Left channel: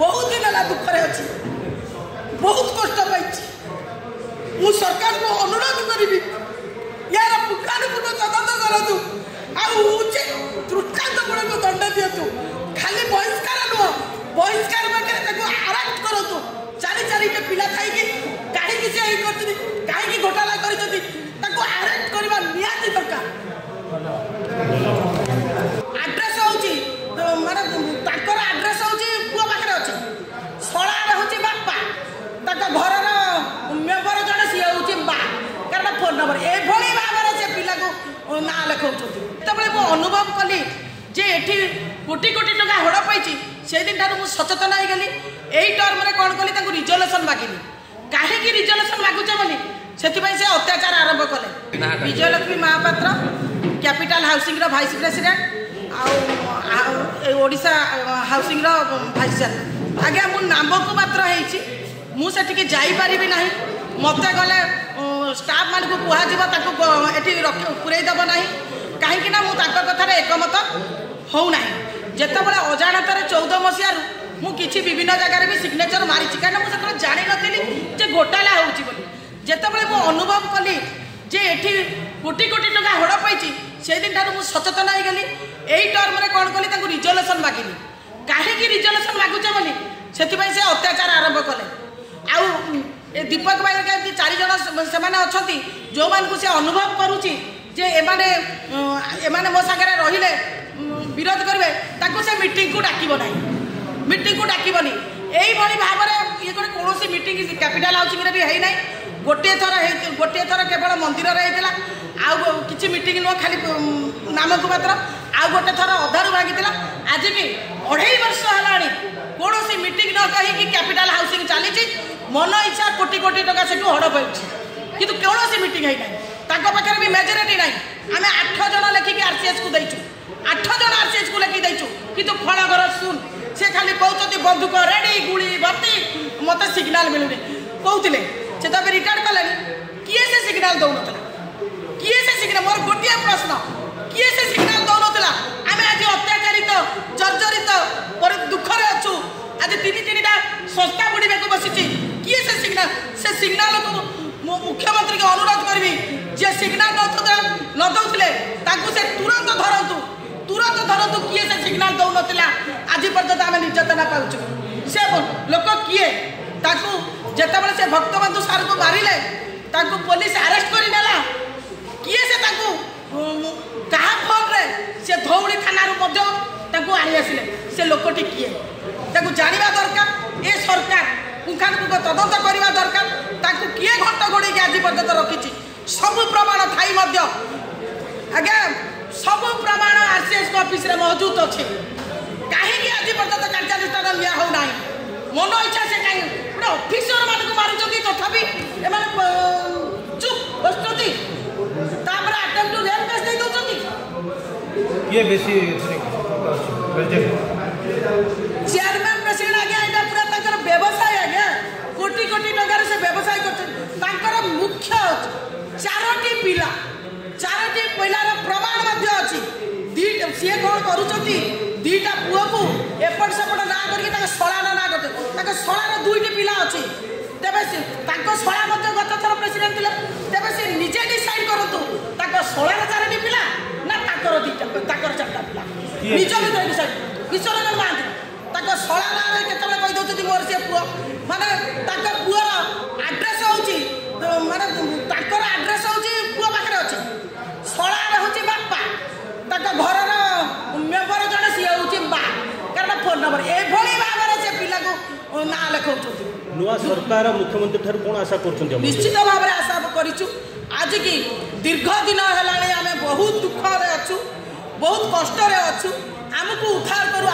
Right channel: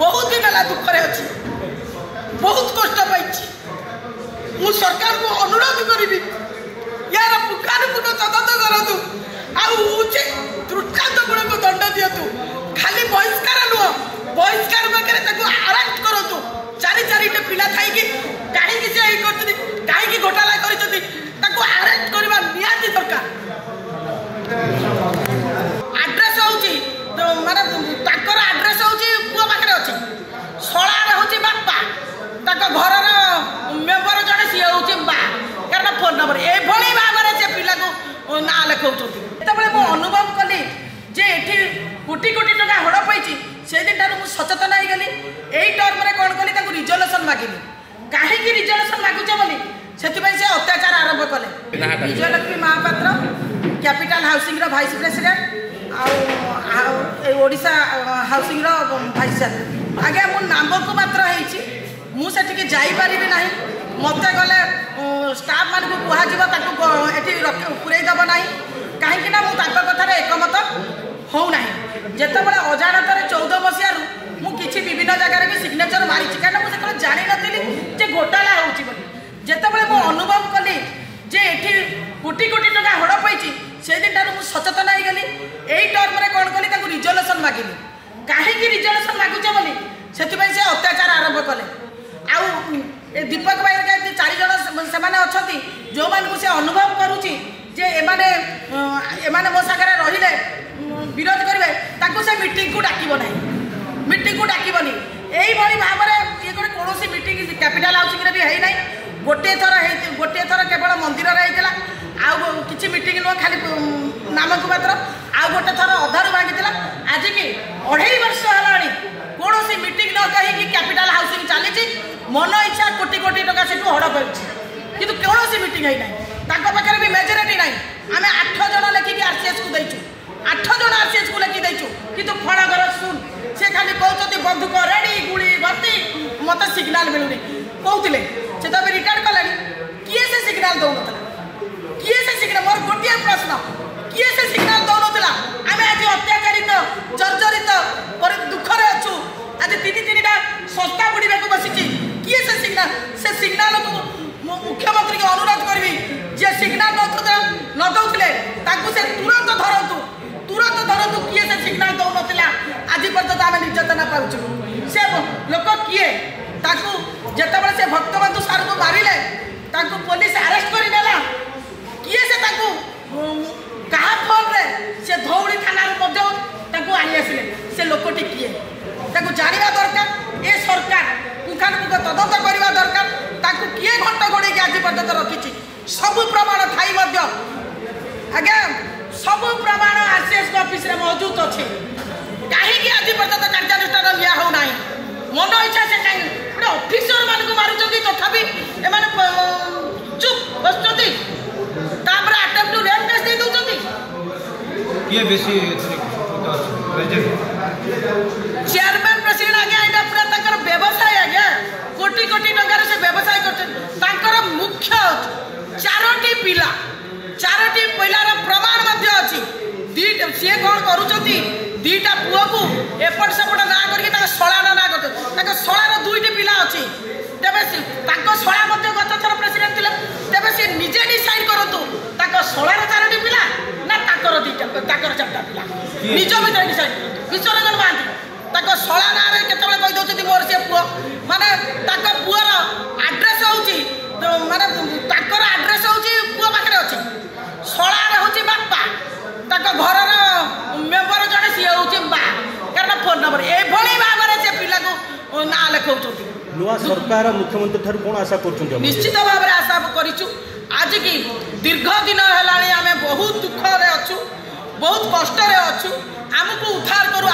बहुत दिन है दुखरे अच्छी बहुत कष्ट पाई मु सरकार को अनुरोध करी यार पुंखानुपुंख तदंत करूँ आउचित दृष्टान्तमूलक दंड दिंतु खाली बहिष्कार नुह बहिष्कार पाखे आरेस्ट करूँ चारि चारिटे पिला थी कहीं से कहीं घोटाला आरेस्ट करवा निहाती दरकार आड्रेस होची माने ताकर आड्रेस होची पुआ पाखे अच्छी शलार होची बापा ताक घर मेम्बर जड़े सी होची बा कारण फोन नंबर एभली भाव में से पिला को ना लिखाऊँ जिते मु अनुभव कली जे एठी कोटी कोटी टका हड़ पाई से दिन ठार मुझे सचेतन हो गली यही टर्म में कौन कली रिजल्यूशन मागिली कहीं रिजल्यूशन मागुचे बोली से अत्याचार आरंभ कले Vijayalakshmi Mahapatra capital housing vice president Asha housing vice chairman आज्ञा मो नाम को मात्र मुझे जापारि ना मत गले स्टाफ मान को कहुब पूरेदब ना कहीं कथार एकमत होना जितेबाला अजाणत 14 मसीह मुझे विभिन्न जगह भी सिग्नेचर मारी कहीं मुझे जानी नी घोटाला होते मु अनुभव कली जे एठी कोटी कोटी टका हड़ पाई से दिन ठार मुझे सचेतन हो गली यही टर्म में कौन कली रिजल्यूशन मागिली कहीं रिजल्यूशन मागुचे बोली से अत्याचार आरंभ कले आउ दीपक भाई 4 जन से अच्छा जो मान से अनुभव करुच्ची जे एमाने मो सागर रहिले विरोध करेंगे से मीटिंग को डाकब ना मीटिंग को डाकबनी यही भाव में ये कौन मीटिंग कैपिटल हाउसिंग भी है ना गोटे थर केवल मंदिर आउ कि मीटिंग नुह खाली नाम को मात्र आउ गोटे थर अधारू भागी आज की 2.5 वर्ष है कौन मीटिंग न कहीं कैपिटल हाउसिंग चली मन इच्छा कोटी कोटी टका से हड़ पड़ी कि कौन मीटिंग है ना पाखे भी मेजोरिटी ना आम 8 जन लेखिकी आरसीएस को देचु 8 जन आरसीएस को लेखि देचु कि फल घर सुन से खाली कहते बंदूक रेडी गुड़ी भर्ती मत सिग्नाल मिलूनी कहते से तो रिकॉर्ड कले किए से सिग्नाल दौन किए से सिग्नाल मोर गोटे प्रश्न किए से सिग्नाल दौन आम आज अत्याचारित जर्जरित दुखरे अच्छु आज 3-3टा संस्था बुड़ा को बसी किए से सिग्नाल को मुख्यमंत्री को अनुरोध करी जे सिग्नाल न दौले से तुरंत धरतु किए से सिग्नाल दौन आज पर्यटन आम निर्यातना पाचु से लोक किए जितेबाला से भक्तबंधु सार को मारे पुलिस आरेस्ट करनेला किए से क्या फोन से धौड़ी थाना आनी आसिले से लोकटी किए जानवा दरकार ये सरकार पुंखानुपुंख तदंत करवा दरकार किए घंट घोड़े आज पर्यटन रखी सबू प्रमाण थाई आज्ञा सबू प्रमाण आरसीएस ऑफिस रे मौजूद अच्छे कहीं आज पर्यटन कार्यानुष्ठान लिया हो ना मन इच्छा से कहीं गोटे ऑफिसर मान को मारुंट तथापि चुप बस अटेम्प्ट टू रेप केस दे दौरान ये बेसी चेयरमैन प्रेसिडेंट आज्ञा यहाँ पूरा तक व्यवसाय आज्ञा कोटी कोटी टकर से व्यवसाय कर मुख्य 4टी पिला 4टी पिलार प्रमाण अच्छी सी कौन करुँच 2टा पुओ को एपट सेपट ना करके शलार ना करते शलार 2टी पिला अच्छी तेरे शला गत थर प्रेसिडेंट थे तेरे सी निजे डिसाइड करूँ शलार 4टी पिला ना 4टा पिला निज भर डिसाइड विश्वरंजन महांती शला ना केत कहीदे मोर सी पुओ माने पुअर आड्रेस माने आड्रेस पुओ पाखे अच्छी शलार हूँ बापा घर मेम्बर जड़े सी हूँ बा कारण फोन नंबर एभली भाव में से पिला को ना लिखाऊँ नुआ सरकार मुख्यमंत्री ठार कौन आशा कर निश्चित भाव में आशा करूँ आज की दीर्घ दिन है आम बहुत दुख अच्छु बहुत कष्ट अच्छु आमको उद्धार करूँ